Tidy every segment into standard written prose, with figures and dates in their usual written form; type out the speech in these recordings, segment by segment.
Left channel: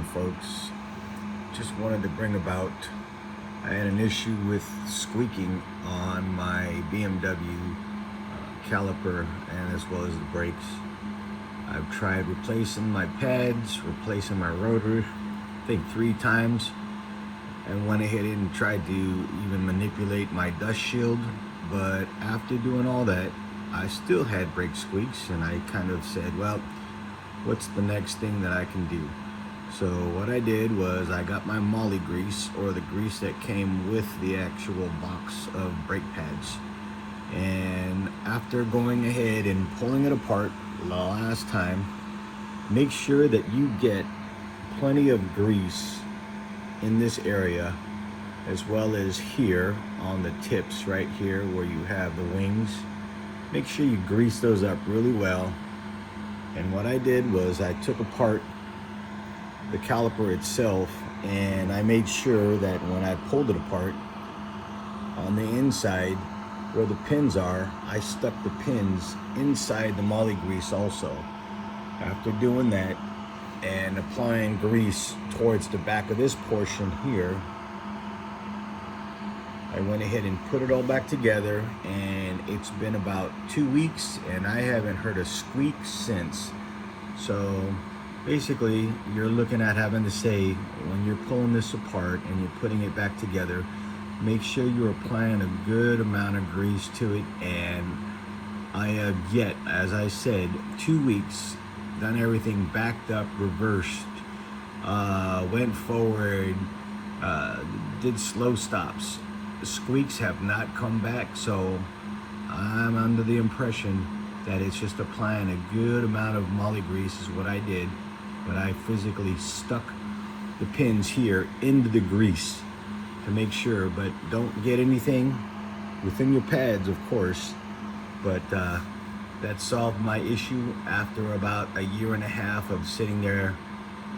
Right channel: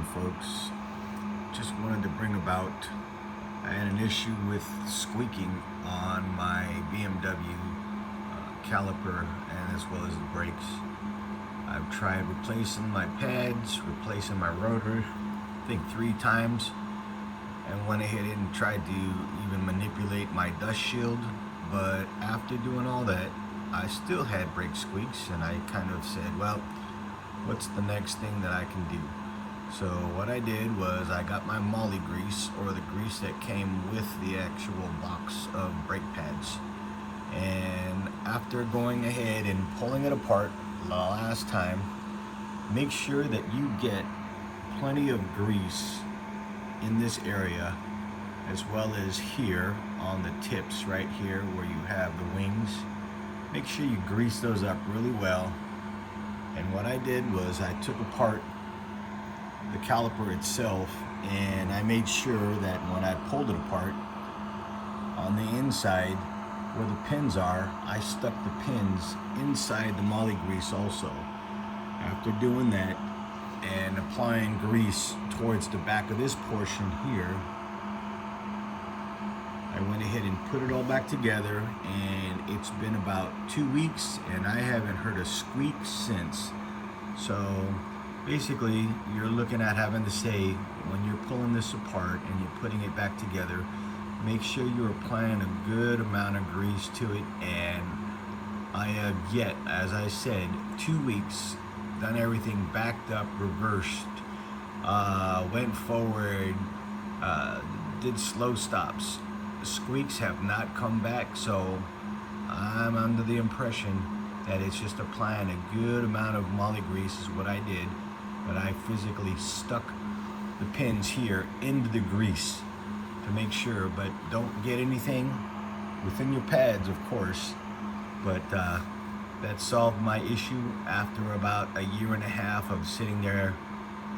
morning, folks. Just wanted to bring about, I had an issue with squeaking on my BMW caliper and as well as the brakes. I've tried replacing my pads, replacing my rotor, I think 3 times, and went ahead and tried to even manipulate my dust shield. But after doing all that, I still had brake squeaks, and I kind of said, well, what's the next thing that I can do? So what I did was I got my moly grease, or the grease that came with the actual box of brake pads. And after going ahead and pulling it apart the last time, make sure that you get plenty of grease in this area, as well as here on the tips right here where you have the wings. Make sure you grease those up really well. And what I did was I took apart the caliper itself, and I made sure that when I pulled it apart, on the inside where the pins are, I stuck the pins inside the moly grease also. After doing that and applying grease towards the back of this portion here, I went ahead and put it all back together, and it's been about 2 weeks and I haven't heard a squeak since. So basically, you're looking at having to say, when you're pulling this apart and you're putting it back together, make sure you're applying a good amount of grease to it. And I have yet, as I said, 2 weeks, done everything backed up, reversed, went forward, did slow stops. The squeaks have not come back, so I'm under the impression that it's just applying a good amount of moly grease is what I did. But I physically stuck the pins here into the grease to make sure, but don't get anything within your pads, of course. But that solved my issue after about 1.5 years of sitting there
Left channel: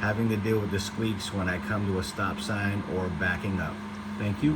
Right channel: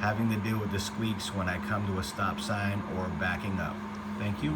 having to deal with the squeaks when I come to a stop sign or backing up. Thank you.